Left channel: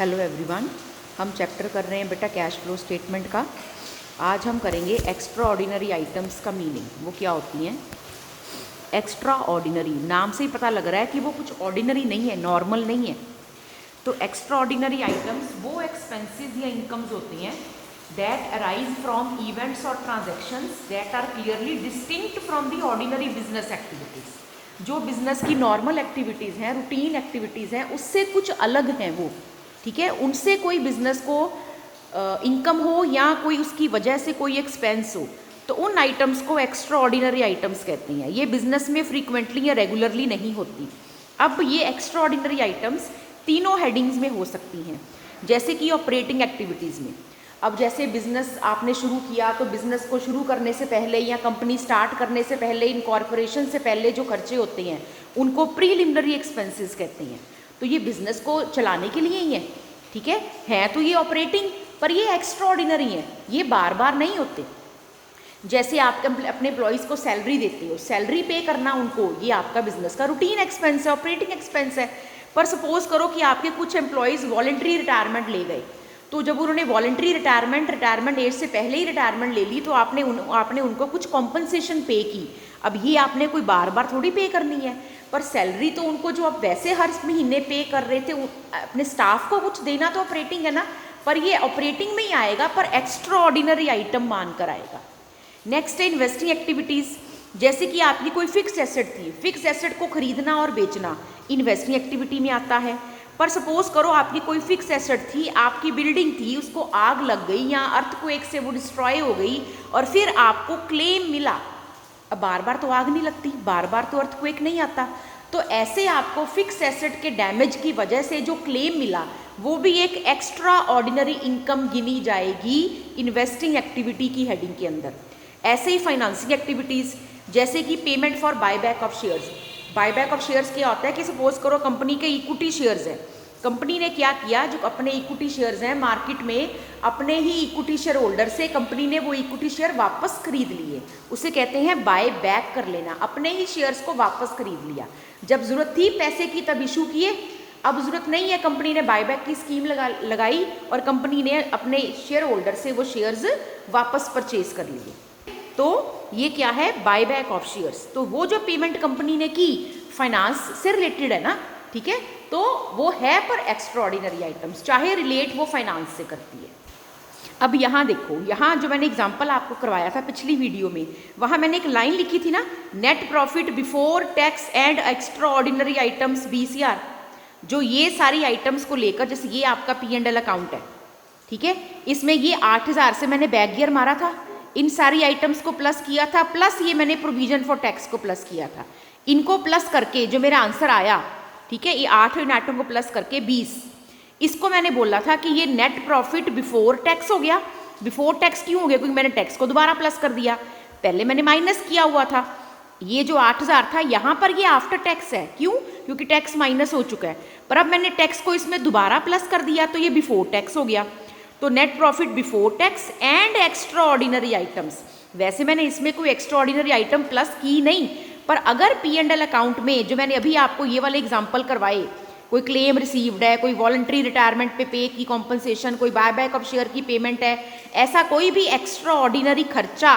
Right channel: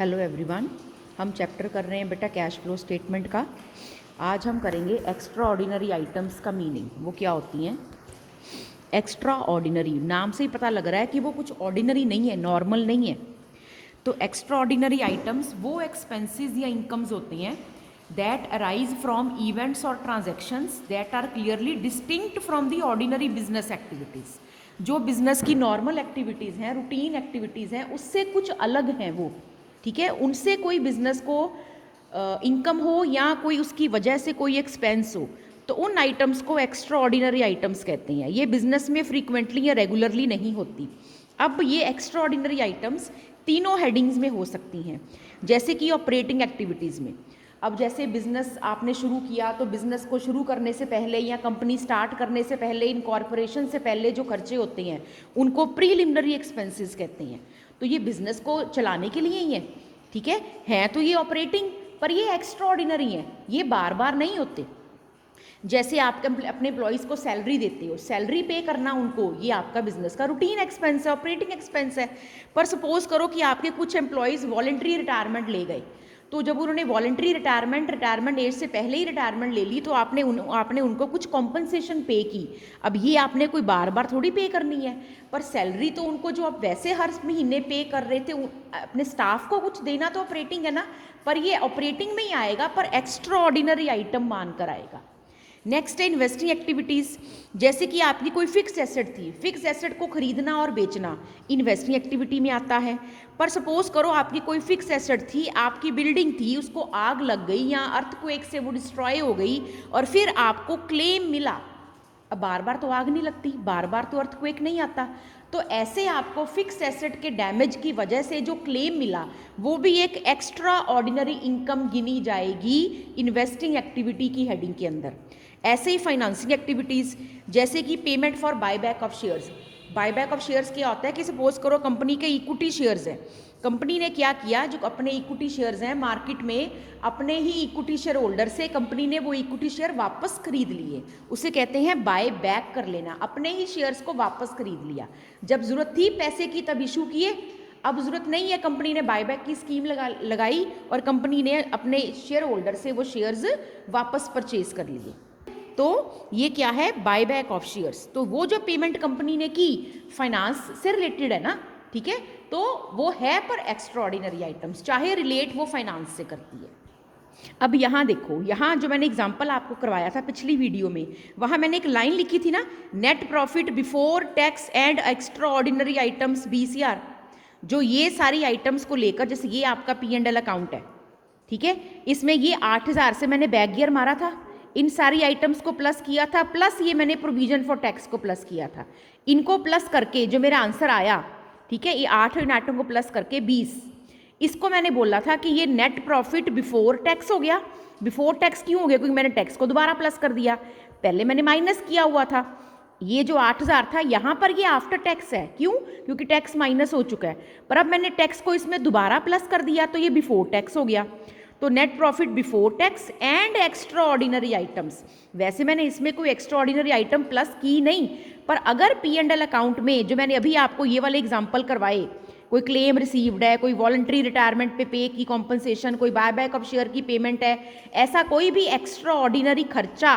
Hello everyone, हम chapter कर रहे हैं बेटा कैश फ्लो स्टेटमेंट का। आज हम करेंगे एक्स्ट्रा ऑर्डिनरी आइटम्स का मीनिंग, वो क्या होती हैं। एक्स्ट्रा ऑर्डिनरी नाम से ही पता लग रहा है कि वो कुछ ऑर्डिनरी नहीं है, नॉर्मल नहीं है। तो एक्स्ट्रा ऑर्डिनरी आइटम्स वो एक्सपेंसेस या इनकम्स होती हैं दैट अराइज फ्रॉम इवेंट्स और transactions that are clearly distinct from the ordinary business activities. जो बिजनेस की नॉर्मल एक्टिविटीज़ हैं, रूटीन एक्टिविटीज़ हैं, उससे कुछ अलग हैं वो, ठीक है। उनसे कोई बिजनेस को इनकम हो या कोई उसकी वजह से कोई एक्सपेंस हो, तो उन आइटम्स को एक्स्ट्रा ऑर्डिनरी आइटम्स कहते हैं। ये बिजनेस में फ्रीक्वेंटली या रेगुलरली नहीं होती। अब ये एक्स्ट्रा ऑर्डिनरी आइटम्स तीनों हेडिंग्स में हो सकती हैं, जैसे कि ऑपरेटिंग एक्टिविटीज़ में। अब जैसे बिजनेस आपने शुरू किया, तो बिजनेस को शुरू करने से पहले या कंपनी स्टार्ट करने से पहले, इनकॉर्पोरेशन से पहले जो खर्चे होते हैं उनको प्रीलिमिनरी एक्सपेंसेस कहते हैं। तो ये बिजनेस को चलाने के लिए ही है, ठीक है तो ये ऑपरेटिंग, पर ये एक्स्ट्रा ऑर्डिनरी है, ये बार बार नहीं होते। जैसे आप अपने एम्प्लॉयज़ को सैलरी देते हो, सैलरी पे करना उनको, ये आपका बिजनेस का रूटीन एक्सपेंस है, ऑपरेटिंग एक्सपेंस है। पर सपोज करो कि आपके कुछ एम्प्लॉयज़ वॉलंटरी रिटायरमेंट ले गए, तो जब उन्होंने वॉलंटरी रिटायरमेंट एज से पहले ही रिटायरमेंट ले ली, तो आपने उनको कुछ कॉम्पनसेशन पे की। अब ये आपने कोई बार बार थोड़ी पे करनी है, पर सैलरी तो उनको जो आप वैसे हर महीने पे कर रहे थे, अपने स्टाफ को कुछ देना तो ऑपरेटिंग है ना, पर ये ऑपरेटिंग में ही आएगा, पर एक्स्ट्रा ऑर्डिनरी आइटम मान कर आएगा। नेक्स्ट है इन्वेस्टिंग एक्टिविटीज़। जैसे कि आपकी कोई फिक्स एसेट थी, फिक्स एसेट को खरीदना और बेचना इन्वेस्टिंग एक्टिविटी में आता है। पर सपोज करो आपकी कोई फिक्स एसेट थी, आपकी बिल्डिंग थी, उसको आग लग गई या अर्थक्वेक से वो डिस्ट्रॉय हो गई और फिर आपको क्लेम मिला। अब बार बार तो आग नहीं लगती, बार बार तो अर्थक्वेक नहीं आता, तो ऐसे आपको फिक्स एसेट के डैमेज की वजह से जो क्लेम मिला, वो भी एक एक्स्ट्रा ऑर्डिनरी इनकम गिनी जाएगी इन्वेस्टिंग एक्टिविटी की हेडिंग के अंदर। ऐसे ही फाइनेंसिंग एक्टिविटीज़, जैसे कि payment for buyback of shares. Buyback of shares क्या होता है कि सपोज करो कंपनी के इक्विटी शेयर्स हैं, कंपनी ने क्या किया, जो अपने इक्विटी शेयर्स हैं मार्केट में, अपने ही इक्विटी शेयर होल्डर से कंपनी ने वो इक्विटी शेयर वापस खरीद लिए, उसे कहते हैं बाय बैक कर लेना। अपने ही शेयर्स को वापस खरीद लिया, जब जरूरत थी पैसे की तब इशू किए, अब जरूरत नहीं है, कंपनी ने बायबैक की स्कीम लगाई और कंपनी ने अपने शेयर होल्डर से वो शेयर्स वापस परचेज कर लिए। तो ये क्या है, बायबैक ऑफ शेयर्स। तो वो जो पेमेंट कंपनी ने की फाइनेंस से रिलेटेड है ना, ठीक है, तो वो है पर एक्स्ट्रा ऑर्डिनरी आइटम्स, चाहे रिलेट वो फाइनेंस से करती है। अब यहाँ देखो, यहाँ जो मैंने एग्जांपल आपको करवाया था पिछली वीडियो में, वहाँ मैंने एक लाइन लिखी थी ना, net profit before tax and extra ordinary items BCR। जो ये सारी आइटम्स को लेकर, जैसे ये आपका P&L अकाउंट है, ठीक है, इसमें ये 8,000 से मैंने बैक गियर मारा था, इन सारी आइटम्स को प्लस किया था, प्लस ये मैंने प्रोविजन फॉर टैक्स को प्लस किया था। इनको प्लस करके जो मेरा आंसर आया, ठीक है, ये 8 इन आइटम को प्लस करके 20, इसको मैंने बोला था कि ये नेट प्रॉफिट बिफोर टैक्स हो गया। बिफोर टैक्स क्यों हो गया, क्योंकि मैंने टैक्स को दोबारा प्लस कर दिया, पहले मैंने माइनस किया हुआ था। ये जो 8,000 था, यहाँ पर ये आफ्टर टैक्स है, क्यों, क्योंकि टैक्स माइनस हो चुका है, पर अब मैंने टैक्स को इसमें दोबारा प्लस कर दिया, तो ये बिफोर टैक्स हो गया। तो net profit before tax and extra ordinary items. वैसे मैंने इसमें कोई एक्स्ट्रा ऑर्डिनरी आइटम प्लस की नहीं, पर अगर P&L अकाउंट में जो मैंने अभी आपको ये वाले एग्जांपल करवाए, कोई क्लेम रिसीव्ड है, कोई वॉलंटरी रिटायरमेंट पे की कॉम्पनसेशन, कोई बायबैक ऑफ शेयर की पेमेंट है, ऐसा कोई भी एक्स्ट्रा ऑर्डिनरी खर्चा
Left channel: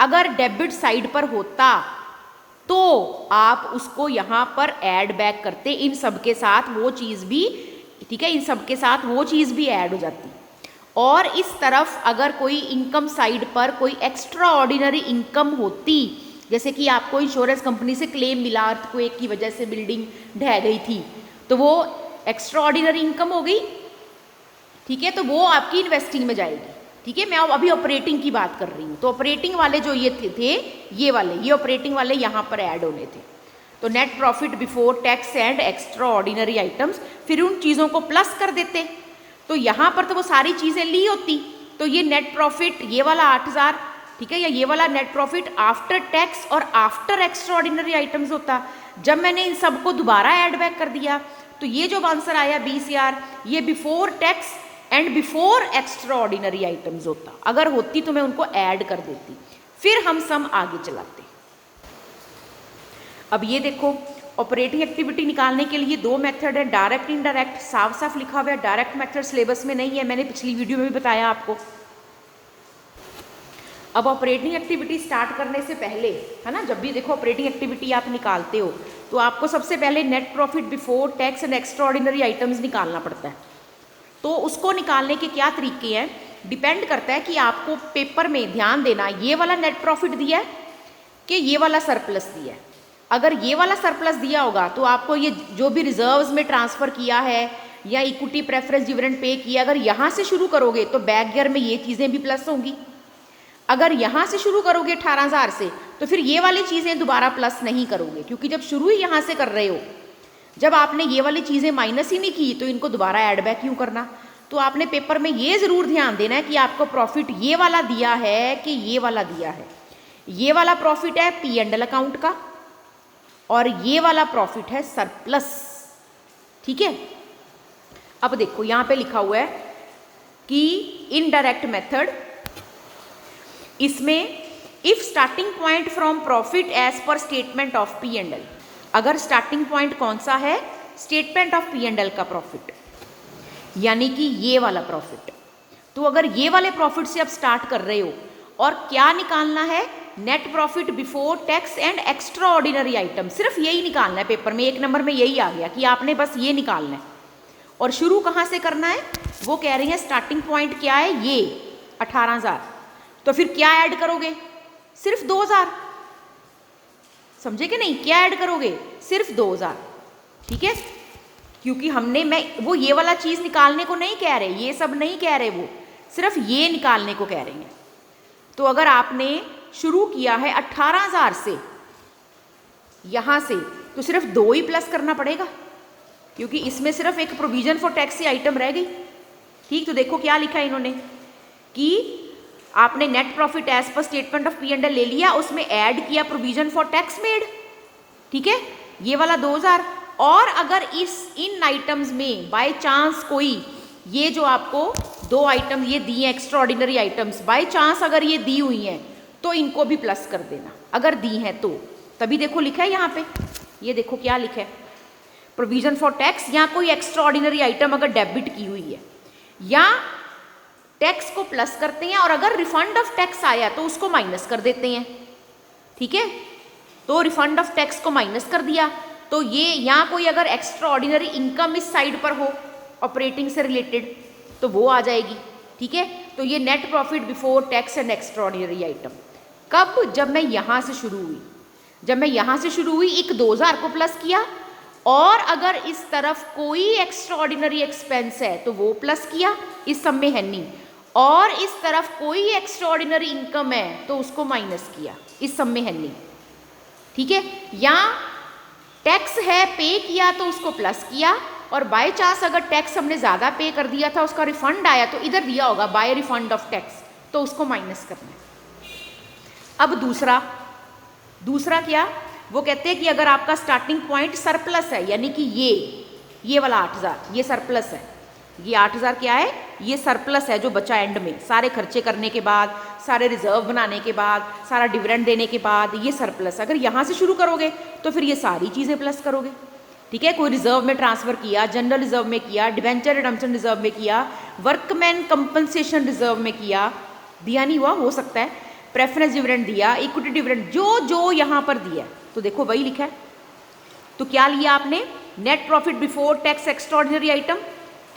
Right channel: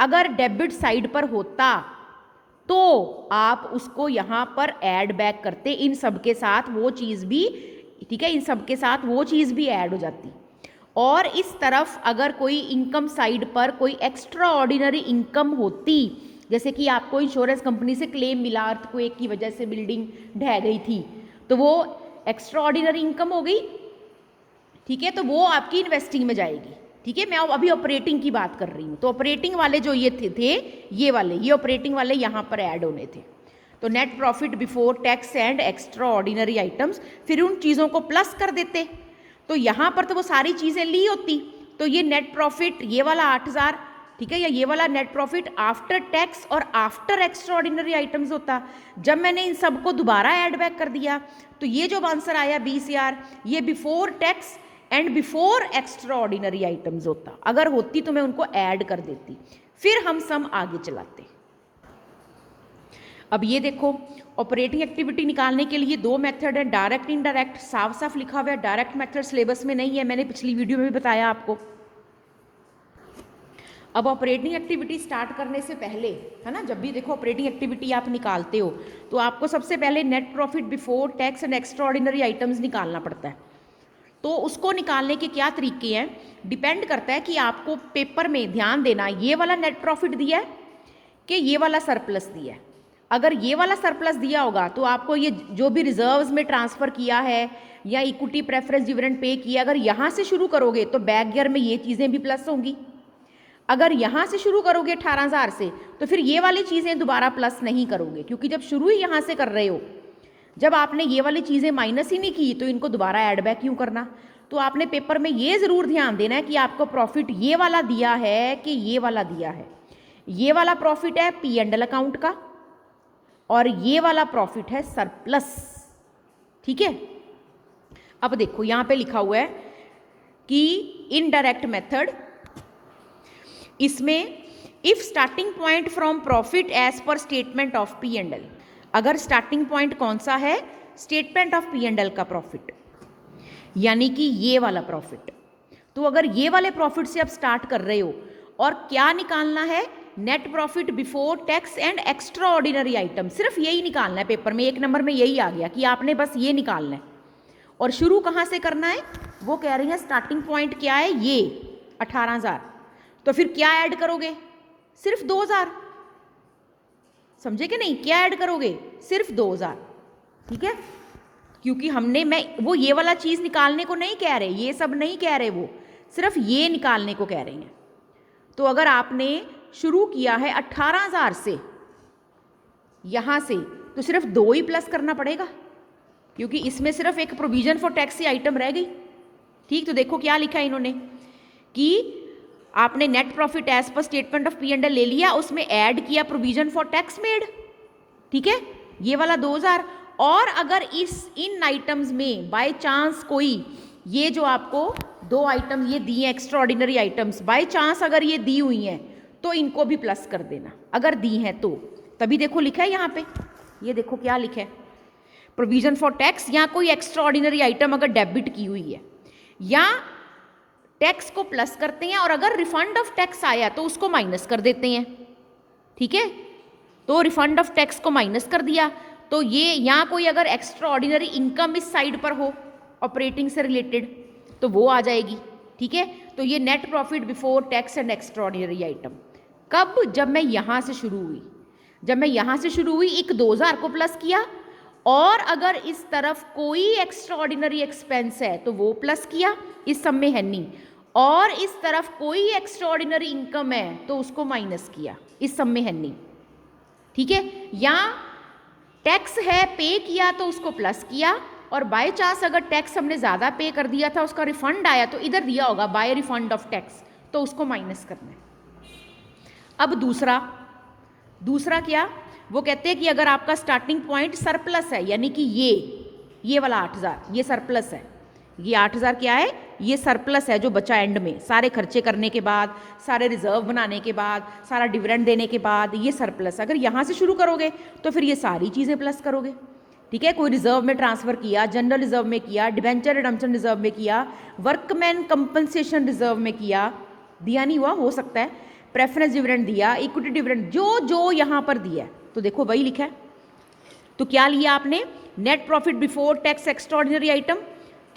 अगर डेबिट साइड पर होता, तो आप उसको यहाँ पर ऐड बैक करते, इन सब के साथ वो चीज़ भी, ठीक है, इन सब के साथ वो चीज़ भी ऐड हो जाती। और इस तरफ अगर कोई इनकम साइड पर कोई एक्स्ट्रा ऑर्डिनरी इनकम होती, जैसे कि आपको इंश्योरेंस कंपनी से क्लेम मिला, अर्थक्वेक की वजह से बिल्डिंग ढह गई थी, तो वो एक्स्ट्रा ऑर्डिनरी इनकम हो गई, ठीक है, तो वो आपकी इन्वेस्टिंग में जाएगी, ठीक है। मैं अब अभी ऑपरेटिंग की बात कर रही हूँ, तो ऑपरेटिंग वाले जो ये थे ये वाले, ये ऑपरेटिंग वाले यहाँ पर ऐड होने थे। तो net profit before tax and extra ordinary items, फिर उन चीज़ों को प्लस कर देते, तो यहाँ पर तो वो सारी चीज़ें ली होती, तो ये नेट प्रॉफिट, ये वाला 8,000, ठीक है, या ये वाला नेट प्रॉफिट आफ्टर टैक्स और आफ्टर एक्स्ट्रा ऑर्डिनरी आइटम्स होता। जब मैंने इन सब को दोबारा ऐड बैक कर दिया, तो ये जो आंसर आया BCR, ये before tax and before extra ordinary items होता। अगर होती तो मैं उनको ऐड कर देती, फिर हम सम आगे चलाते। अब ये देखो, ऑपरेटिंग एक्टिविटी निकालने के लिए दो मेथड है, डायरेक्ट इनडायरेक्ट। साफ साफ लिखा हुआ है, डायरेक्ट मेथड सिलेबस में नहीं है, मैंने पिछली वीडियो में भी बताया आपको। अब ऑपरेटिंग एक्टिविटी स्टार्ट करने से पहले, है ना, जब भी देखो ऑपरेटिंग एक्टिविटी आप निकालते हो तो आपको सबसे पहले net profit before tax and extra ordinary items निकालना पड़ता है। तो उसको निकालने के क्या तरीके हैं, डिपेंड करता है कि आपको पेपर में ध्यान देना ये वाला नेट प्रॉफिट दिया है कि ये वाला सरप्लस दिया है। अगर ये वाला सरप्लस दिया होगा तो आपको ये जो भी रिजर्व्स में ट्रांसफ़र किया है या इक्विटी प्रेफरेंस डिविडेंड पे किया, अगर यहाँ से शुरू करोगे तो बैक ईयर में ये चीज़ें भी प्लस होंगी। अगर यहाँ से शुरू करोगे 18,000 से तो फिर ये वाली चीज़ें दोबारा प्लस नहीं करोगे, क्योंकि जब शुरू ही यहाँ से कर रहे हो, जब आपने ये वाली चीज़ें माइनस ही नहीं की तो इनको दोबारा ऐड बैक क्यों करना। तो आपने पेपर में ये ज़रूर ध्यान देना है कि आपको प्रॉफिट ये वाला दिया है कि ये वाला दिया है। ये वाला प्रॉफिट है P&L अकाउंट का और ये वाला प्रॉफिट है सरप्लस, ठीक है। अब देखो यहाँ पे लिखा हुआ है कि इनडायरेक्ट मेथड, इसमें if starting point from profit as per statement of P&L, अगर स्टार्टिंग पॉइंट कौन सा है, स्टेटमेंट ऑफ P&L का प्रॉफिट, यानी कि ये वाला प्रॉफिट। तो अगर ये वाले प्रॉफिट से आप स्टार्ट कर रहे हो और क्या निकालना है, net profit before tax and extra ordinary item, सिर्फ यही निकालना है। पेपर में 1 नंबर में यही आ गया कि आपने बस ये निकालना है। और शुरू कहाँ से करना है, वो कह रही है स्टार्टिंग पॉइंट क्या है, ये 18,000। तो फिर क्या ऐड करोगे, सिर्फ 2,000, समझे कि नहीं, क्या ऐड करोगे, सिर्फ 2,000, ठीक है। क्योंकि मैं वो ये वाला चीज़ निकालने को नहीं कह रहे, ये सब नहीं कह रहे, वो सिर्फ ये निकालने को कह रहे हैं। तो अगर आपने शुरू किया है 18,000 से यहाँ से, तो सिर्फ 2 ही प्लस करना पड़ेगा, क्योंकि इसमें सिर्फ एक provision for tax he item रह गई, ठीक। तो देखो क्या लिखा है इन्होंने कि आपने net profit as per statement of P&L ले लिया, उसमें ऐड किया प्रोविजन फॉर टैक्स मेड, ठीक है, ये वाला 2,000। और अगर इन आइटम्स में बाय चांस कोई ये जो आपको 2 आइटम ये दी हैं extra ordinary items, by chance अगर ये दी हुई हैं तो इनको भी प्लस कर देना, अगर दी हैं तो। तभी देखो लिखा है यहाँ पे, ये देखो क्या लिखा है, प्रोविजन फॉर टैक्स, या कोई एक्स्ट्रा ऑर्डिनरी आइटम अगर डेबिट की हुई है या टैक्स को प्लस करते हैं, और अगर रिफंड ऑफ टैक्स आया तो उसको माइनस कर देते हैं, ठीक है। तो रिफंड ऑफ टैक्स को माइनस कर दिया, तो ये यहाँ कोई अगर एक्स्ट्रा ऑर्डिनरी इनकम इस साइड पर हो ऑपरेटिंग से रिलेटेड तो वो आ जाएगी, ठीक है। तो ये net profit before tax and extra ordinary item कब, जब मैं यहाँ से शुरू हुई, जब मैं यहाँ से शुरू हुई एक 2,000 को प्लस किया, और अगर इस तरफ कोई एक्स्ट्रा ऑर्डिनरी एक्सपेंस है तो वो प्लस किया, इस सब में है नहीं, और इस तरफ कोई एक्स्ट्रा ऑर्डिनरी इनकम है तो उसको माइनस किया, इस सब में है नहीं, ठीक है। या टैक्स है पे किया तो उसको प्लस किया, और बाय चांस अगर टैक्स हमने ज़्यादा पे कर दिया था, उसका रिफंड आया तो इधर दिया होगा बाय रिफंड ऑफ टैक्स, तो उसको माइनस करना है। अब दूसरा क्या, वो कहते हैं कि अगर आपका स्टार्टिंग पॉइंट सरप्लस है, यानी कि ये वाला 8,000 ये सरप्लस है, ये 8,000 क्या है, ये सरप्लस है जो बचा एंड में, सारे खर्चे करने के बाद, सारे रिजर्व बनाने के बाद, सारा डिविडेंड देने के बाद, ये सरप्लस। अगर यहाँ से शुरू करोगे तो फिर ये सारी चीज़ें प्लस करोगे, ठीक है। कोई रिजर्व में ट्रांसफ़र किया, जनरल रिजर्व में किया, डिबेंचर रिडम्पशन रिजर्व में किया, वर्कमैन कंपनसेशन रिजर्व में किया, दिया नहीं हुआ हो सकता है, प्रेफरेंस डिविडेंड दिया, इक्विटी डिविडेंड, जो जो यहाँ पर दिया, तो देखो वही लिखा है। तो क्या लिया आपने, net profit before tax extra ordinary item,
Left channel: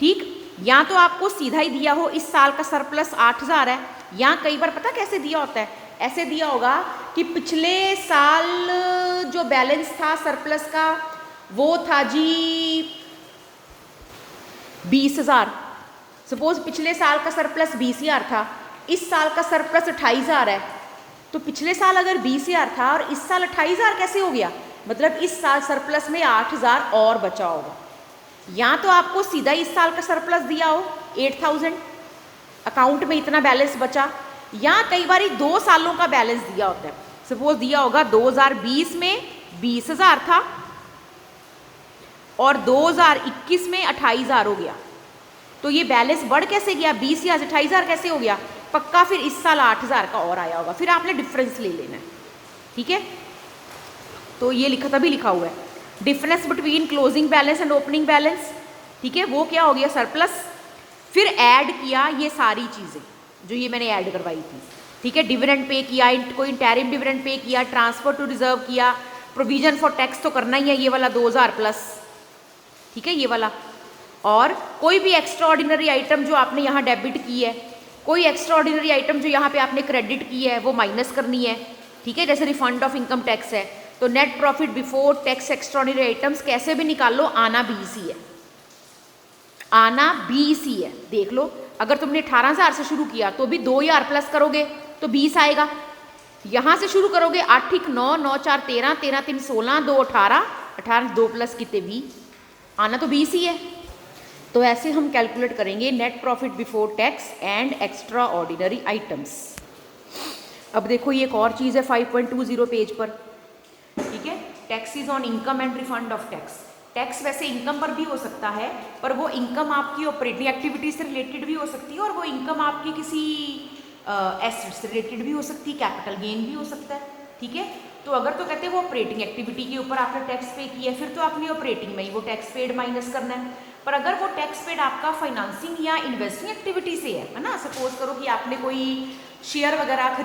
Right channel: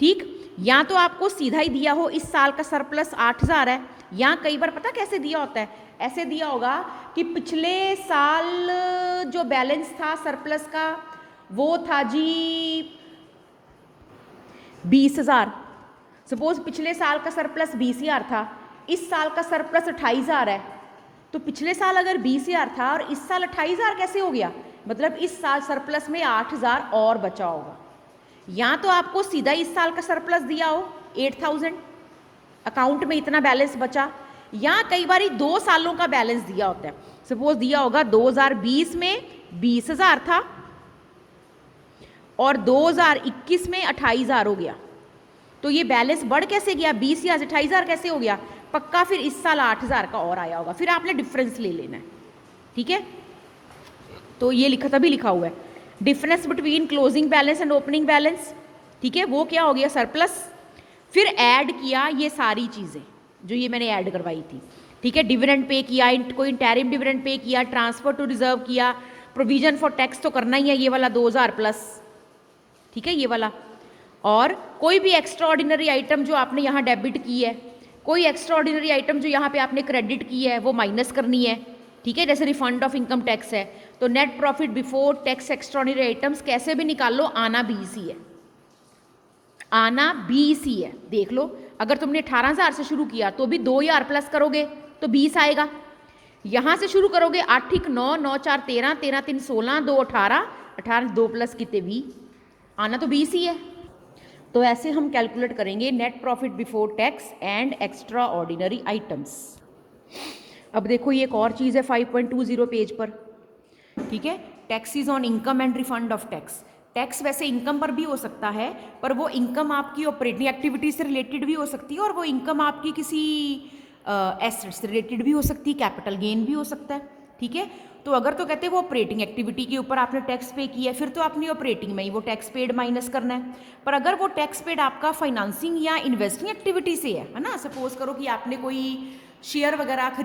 ठीक। या तो आपको सीधा ही दिया हो इस साल का सरप्लस 8,000 है, या कई बार पता कैसे दिया होता है, ऐसे दिया होगा कि पिछले साल जो बैलेंस था सरप्लस का वो था जी 20,000, सपोज पिछले साल का सरप्लस 20,000 था, इस साल का सरप्लस 28,000 है, तो पिछले साल अगर 20,000 था और इस साल 28,000 कैसे हो गया, मतलब इस साल सरप्लस में 8,000 और बचा होगा। या तो आपको सीधा इस साल का सरप्लस दिया हो 8,000, अकाउंट में इतना बैलेंस बचा, या कई बार 2 सालों का बैलेंस दिया होता है, सपोज दिया होगा 2020 में 20,000 था और 2021 में 28,000 हो गया, तो ये बैलेंस बढ़ कैसे गया, 20,000 से 28,000 कैसे हो गया, पक्का फिर इस साल 8,000 का और आया होगा, फिर आपने डिफरेंस ले लेना है, ठीक है। तो ये लिखा तभी लिखा हुआ है। Difference between closing balance and opening balance, ठीक है, वो क्या हो गया सरप्लस। फिर ऐड किया ये सारी चीज़ें जो ये मैंने ऐड करवाई थी, ठीक है, डिविडेंड पे किया, कोई इंटरिम डिविडेंड पे किया, ट्रांसफर टू रिजर्व किया, प्रोविजन फॉर टैक्स तो करना ही है, ये वाला 2000 प्लस, ठीक है, ये वाला। और कोई भी एक्स्ट्रा ऑर्डिनरी आइटम जो आपने यहाँ डेबिट की है, कोई एक्स्ट्रा ऑर्डिनरी आइटम जो यहाँ पे आपने क्रेडिट की है वो माइनस करनी है, ठीक है, जैसे रिफंड ऑफ इनकम टैक्स है। तो net profit before tax extra ordinary items कैसे भी निकाल लो, आना 20 ही है, आना 20 ही है। देख लो, अगर तुमने 18,000 से शुरू किया तो भी 2,000 प्लस करोगे तो 20 आएगा। यहाँ से शुरू करोगे 8 1 9 9 4 13 13 3 16 2 18 18 2 प्लस कितने 20, आना तो 20 ही है। तो ऐसे हम कैलकुलेट करेंगे net profit before tax and extra ordinary items. अब देखो ये एक और चीज़ है 5.20 पेज पर, ठीक है, taxes on income and refund of tax. Tax वैसे इनकम पर भी हो सकता है, पर वो इनकम आपकी ऑपरेटिंग एक्टिविटी से रिलेटेड भी हो सकती है, और वो इनकम आपकी किसी एसेट से रिलेटेड भी हो सकती है, कैपिटल गेन भी हो सकता है, ठीक है। तो अगर तो कहते हैं वो ऑपरेटिंग एक्टिविटी के ऊपर आपने टैक्स पे किया है, फिर तो आपने ऑपरेटिंग में ही वो टैक्स पेड माइनस करना है। पर अगर वो टैक्स पेड आपका फाइनेंसिंग या इन्वेस्टिंग एक्टिविटी से है ना, सपोज करो कि आपने कोई शेयर वगैरह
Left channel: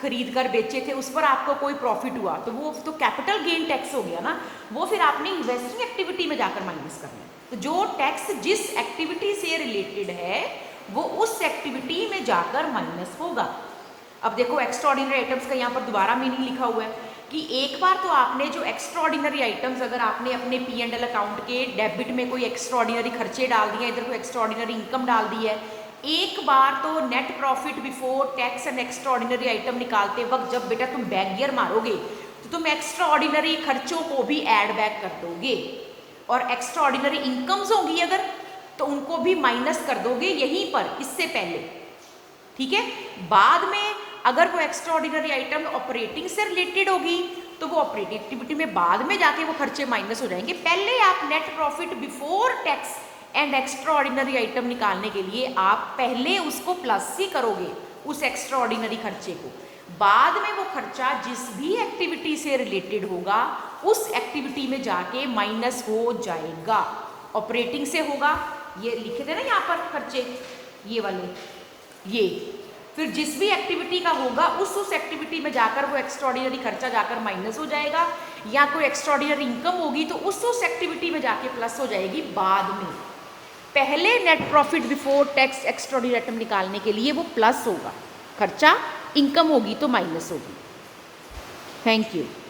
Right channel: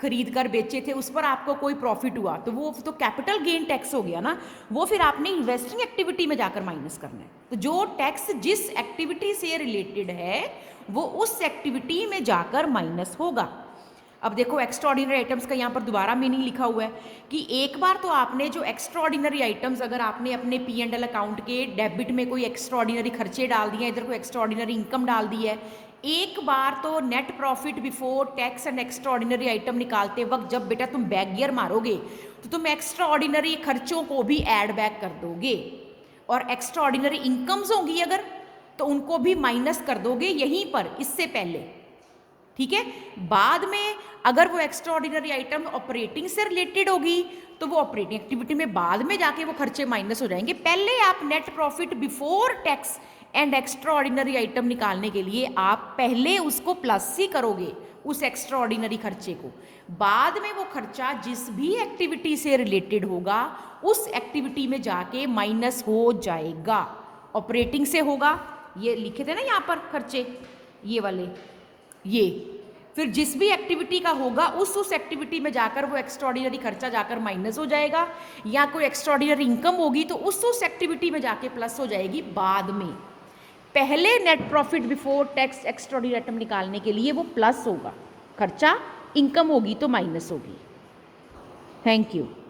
खरीद कर बेचे थे, उस पर आपको कोई प्रॉफिट हुआ, तो वो तो कैपिटल गेन टैक्स हो गया ना, वो फिर आपने इन्वेस्टिंग एक्टिविटी में जाकर माइनस करना है। तो जो टैक्स जिस एक्टिविटी से रिलेटेड है वो उस एक्टिविटी में जाकर माइनस होगा। अब देखो एक्स्ट्रा ऑर्डिनरी आइटम्स का यहाँ पर दोबारा मीनिंग लिखा हुआ है कि एक बार तो आपने जो एक्स्ट्रा ऑर्डिनरी आइटम्स, अगर आपने अपने P&L अकाउंट के डेबिट में कोई एक्स्ट्रा ऑर्डिनरी खर्चे डाल दिए, इधर कोई एक्स्ट्रा ऑर्डिनरी इनकम डाल दी है, एक बार तो net profit before tax and extra ordinary item निकालते वक्त जब बेटा तुम बैक गियर मारोगे तो तुम एक्स्ट्रा ऑर्डिनरी खर्चों को भी ऐड बैक कर दोगे, और एक्स्ट्रा ऑर्डिनरी इनकम्स होंगी अगर, तो उनको भी माइनस कर दोगे यहीं पर, इससे पहले, ठीक है। बाद में अगर वो एक्स्ट्रा ऑर्डिनरी आइटम ऑपरेटिंग से रिलेटेड होगी तो वो ऑपरेटिंग एक्टिविटी में बाद में जाके वो खर्चे माइनस हो जाएंगे। पहले आप net profit before tax and extra ordinary item निकालने के लिए आप पहले उसको प्लस ही करोगे, उस एक्स्ट्रा ऑर्डिनरी खर्चे को। बाद में वो खर्चा जिस भी एक्टिविटी से रिलेटेड होगा उस एक्टिविटी में जाके माइनस हो जाएगा। ऑपरेटिंग से होगा, ये लिखे थे ना यहाँ पर खर्चे, ये वाले, ये फिर जिस भी एक्टिविटी का होगा उस एक्टिविटी में जाकर वो एक्स्ट्राऑर्डिनरी खर्चा जाकर माइनस हो जाएगा, या कोई एक्स्ट्राऑर्डिनरी इनकम होगी तो उस एक्टिविटी में जाके प्लस हो जाएगी बाद में। पहले net profit before tax extraordinary item निकालने के लिए वो प्लस होगा खर्चा, इनकम होगी तो माइनस होगी। Thank you.